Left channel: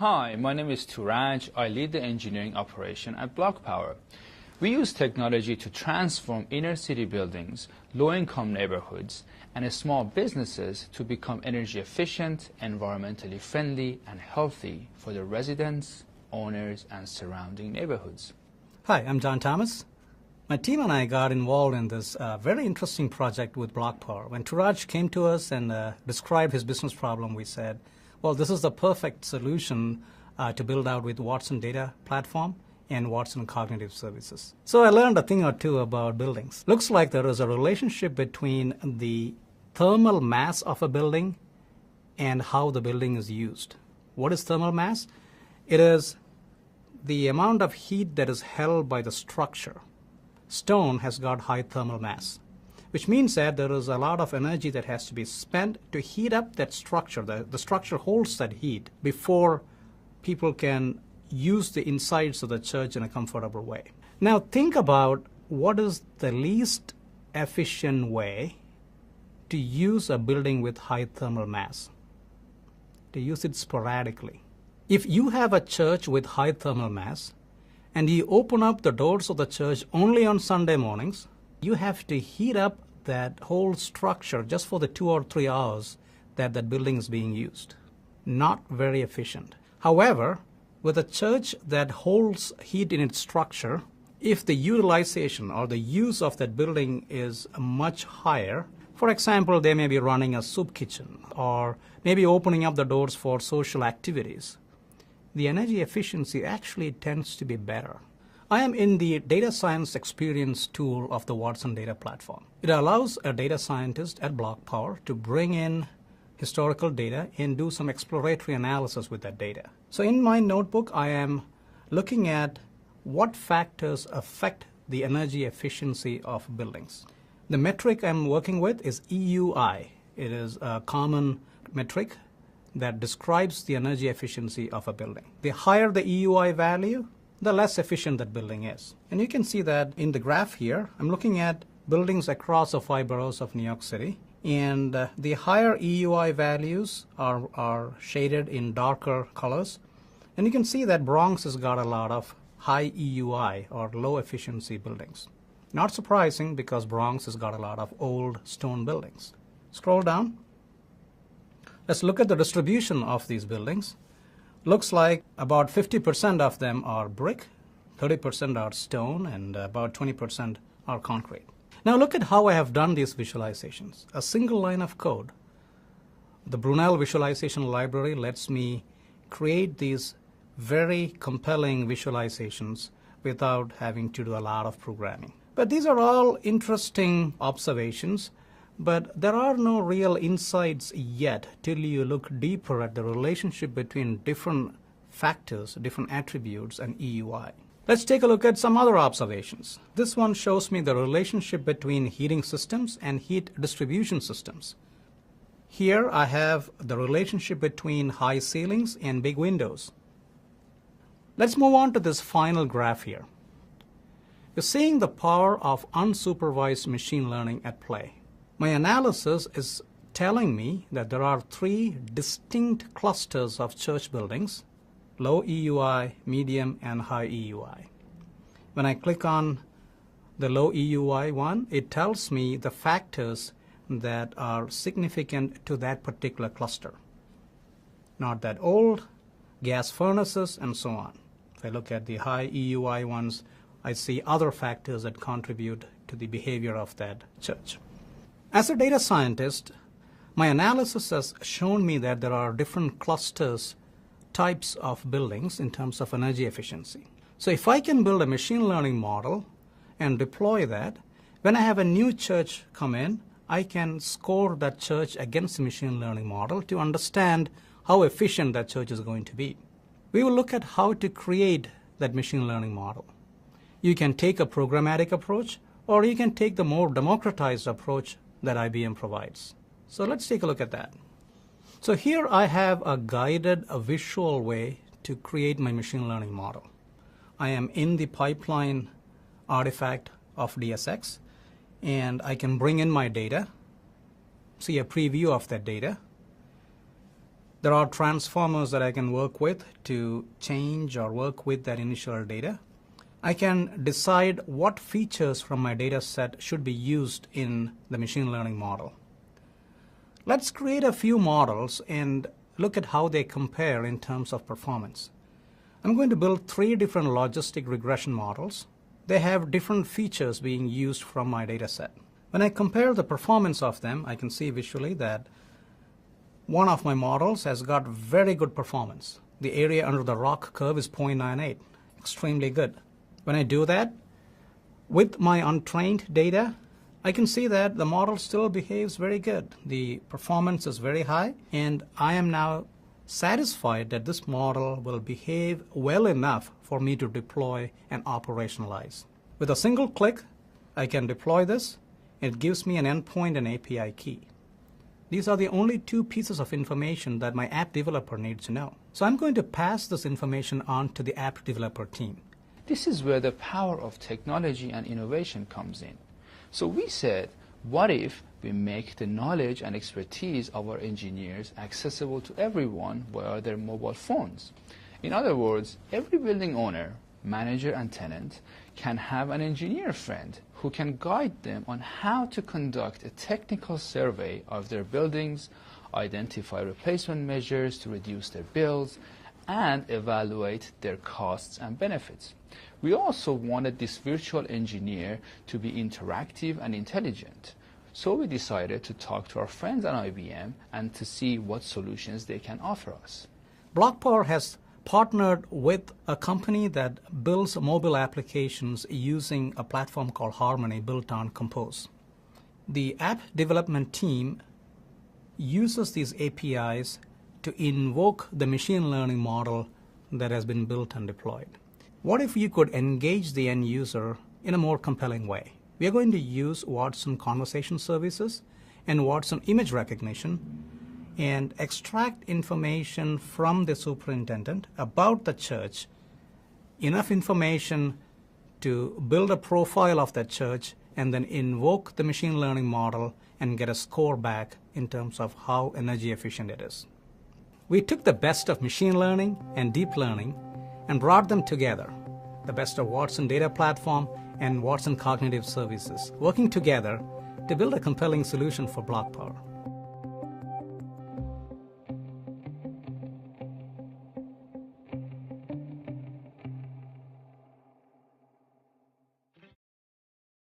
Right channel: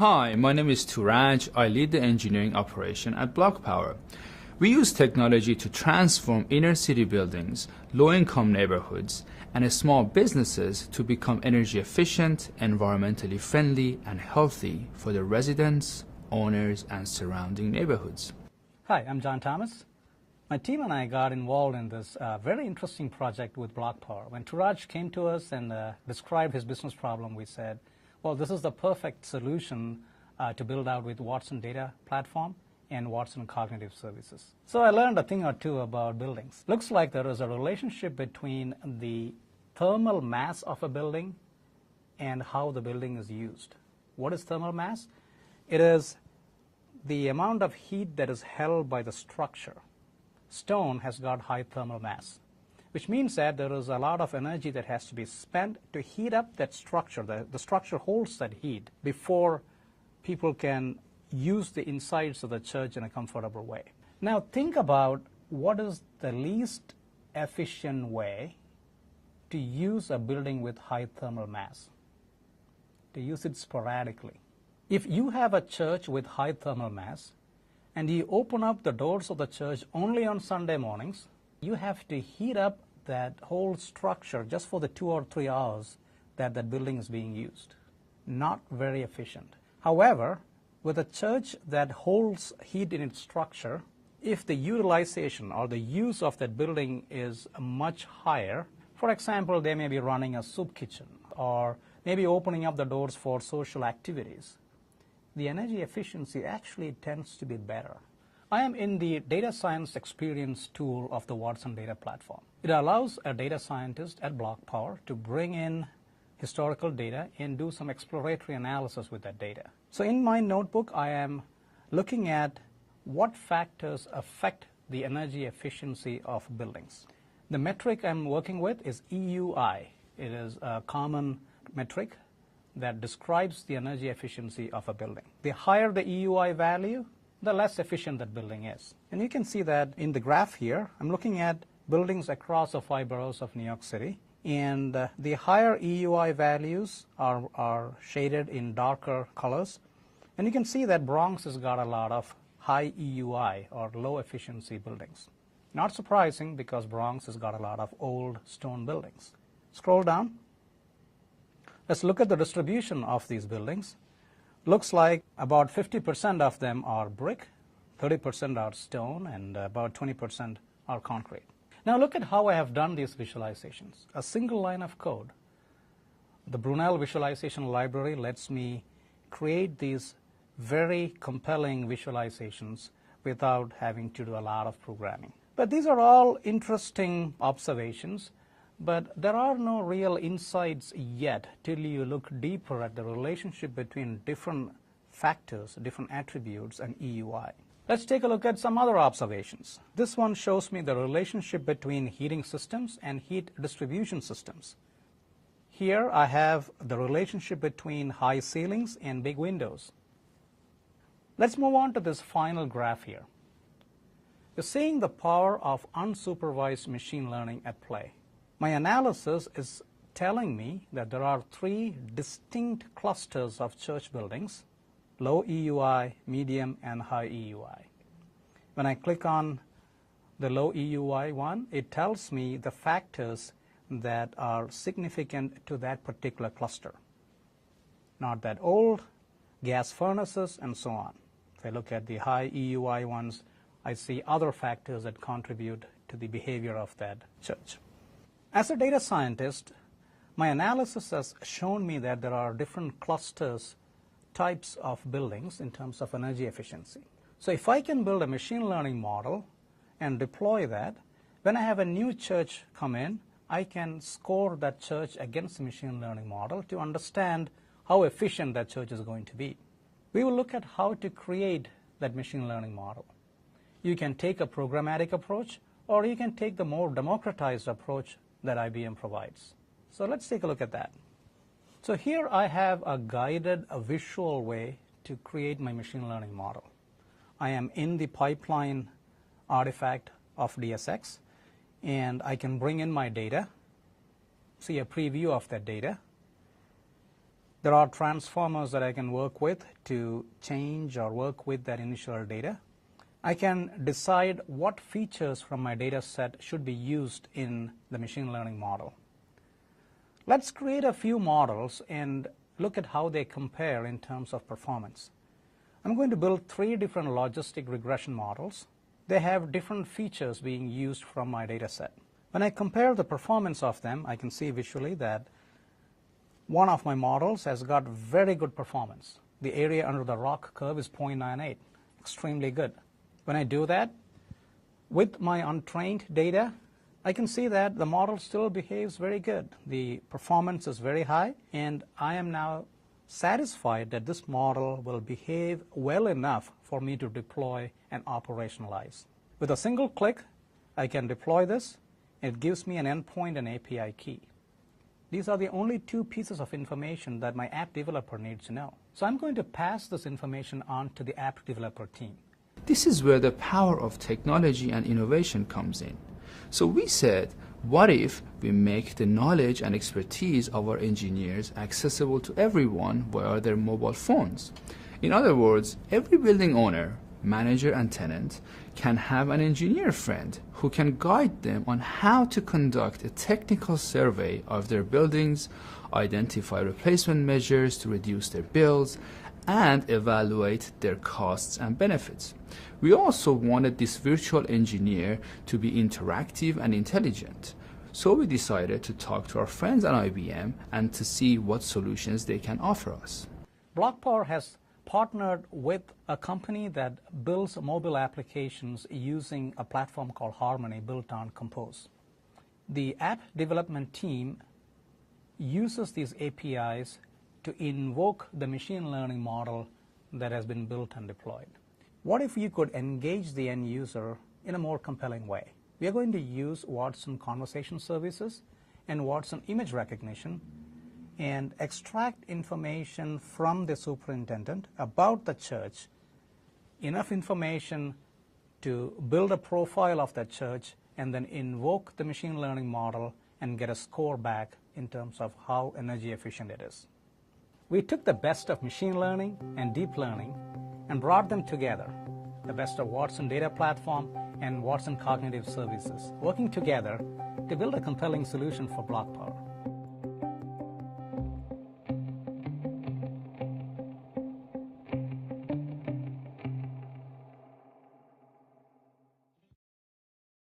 Hi, my name is Turaj. I lead the engineering operation at BlockPower. We use technology to transform inner city buildings, low-income neighborhoods, and small businesses to become energy efficient, environmentally friendly, and healthy for the residents, owners, and surrounding neighborhoods. Hi, I'm John Thomas. My team and I got involved in this very interesting project with BlockPower. When Turaj came to us and described his business problem, we said, well, this is the perfect solution to build out with Watson Data Platform and Watson Cognitive Services. So I learned a thing or two about buildings. Looks like there is a relationship between the thermal mass of a building and how the building is used. What is thermal mass? It is the amount of heat that is held by the structure. Stone has got high thermal mass, which means that there is a lot of energy that has to be spent to heat up that structure. The structure holds that heat before people can use the insides of the church in a comfortable way. Now think about what is the least efficient way to use a building with high thermal mass. To use it sporadically. If you have a church with high thermal mass and you open up the doors of the church only on Sunday mornings, you have to heat up that whole structure just for the 2 or 3 hours that that building is being used. Not very efficient. However, with a church that holds heat in its structure, if the utilization or the use of that building is much higher, for example, they may be running a soup kitchen or maybe opening up the doors for social activities, the energy efficiency actually tends to be better. I am in the data science experience tool of the Watson Data Platform. It allows a data scientist at BlockPower to bring in historical data and do some exploratory analysis with that data. So in my notebook, I am looking at what factors affect the energy efficiency of buildings. The metric I'm working with is EUI. It is a common metric that describes the energy efficiency of a building. The higher the EUI value, the less efficient that building is. And you can see that in the graph here. I'm looking at buildings across the 5 boroughs of New York City. And the higher EUI values are shaded in darker colors. And you can see that Bronx has got a lot of high EUI or low efficiency buildings. Not surprising because Bronx has got a lot of old stone buildings. Scroll down. Let's look at the distribution of these buildings. Looks like about 50% of them are brick, 30% are stone, and about 20% are concrete. Now look at how I have done these visualizations. A single line of code. The Brunel Visualization Library lets me create these very compelling visualizations without having to do a lot of programming. But these are all interesting observations, but there are no real insights yet till you look deeper at the relationship between different factors, different attributes, and EUI. Let's take a look at some other observations. This one shows me the relationship between heating systems and heat distribution systems. Here I have the relationship between high ceilings and big windows. Let's move on to this final graph here. You're seeing the power of unsupervised machine learning at play. My analysis is telling me that there are 3 distinct clusters of church buildings: low EUI, medium, and high EUI. When I click on the low EUI one, it tells me the factors that are significant to that particular cluster. Not that old, gas furnaces, and so on. If I look at the high EUI ones, I see other factors that contribute to the behavior of that church. As a data scientist, my analysis has shown me that there are different clusters, types of buildings in terms of energy efficiency. So if I can build a machine learning model and deploy that, when I have a new church come in, I can score that church against the machine learning model to understand how efficient that church is going to be. We will look at how to create that machine learning model. You can take a programmatic approach, or you can take the more democratized approach that IBM provides. So let's take a look at that. So here I have a guided, a visual way to create my machine learning model. I am in the pipeline artifact of DSX, and I can bring in my data, see a preview of that data. There are transformers that I can work with to change or work with that initial data. I can decide what features from my data set should be used in the machine learning model. Let's create a few models and look at how they compare in terms of performance. I'm going to build 3 different logistic regression models. They have different features being used from my data set. When I compare the performance of them, I can see visually that one of my models has got very good performance. The area under the ROC curve is 0.98, extremely good. When I do that, with my untrained data, I can see that the model still behaves very good. The performance is very high, and I am now satisfied that this model will behave well enough for me to deploy and operationalize. With a single click, I can deploy this. It gives me an endpoint and API key. These are the only 2 pieces of information that my app developer needs to know. So I'm going to pass this information on to the app developer team. This is where the power of technology and innovation comes in. So we said, what if we make the knowledge and expertise of our engineers accessible to everyone via their mobile phones? In other words, every building owner, manager, and tenant can have an engineer friend who can guide them on how to conduct a technical survey of their buildings, identify replacement measures to reduce their bills, and evaluate their costs and benefits. We also wanted this virtual engineer to be interactive and intelligent. So we decided to talk to our friends at IBM and to see what solutions they can offer us. BlockPower has partnered with a company that builds mobile applications using a platform called Harmony built on Compose. The app development team uses these APIs to invoke the machine learning model that has been built and deployed. What if you could engage the end user in a more compelling way? We are going to use Watson Conversation Services and Watson Image Recognition and extract information from the superintendent about the church, enough information to build a profile of that church, and then invoke the machine learning model and get a score back in terms of how energy efficient it is. We took the best of machine learning and deep learning and brought them together, the best of Watson Data Platform and Watson Cognitive Services, working together to build a compelling solution for BlockPower.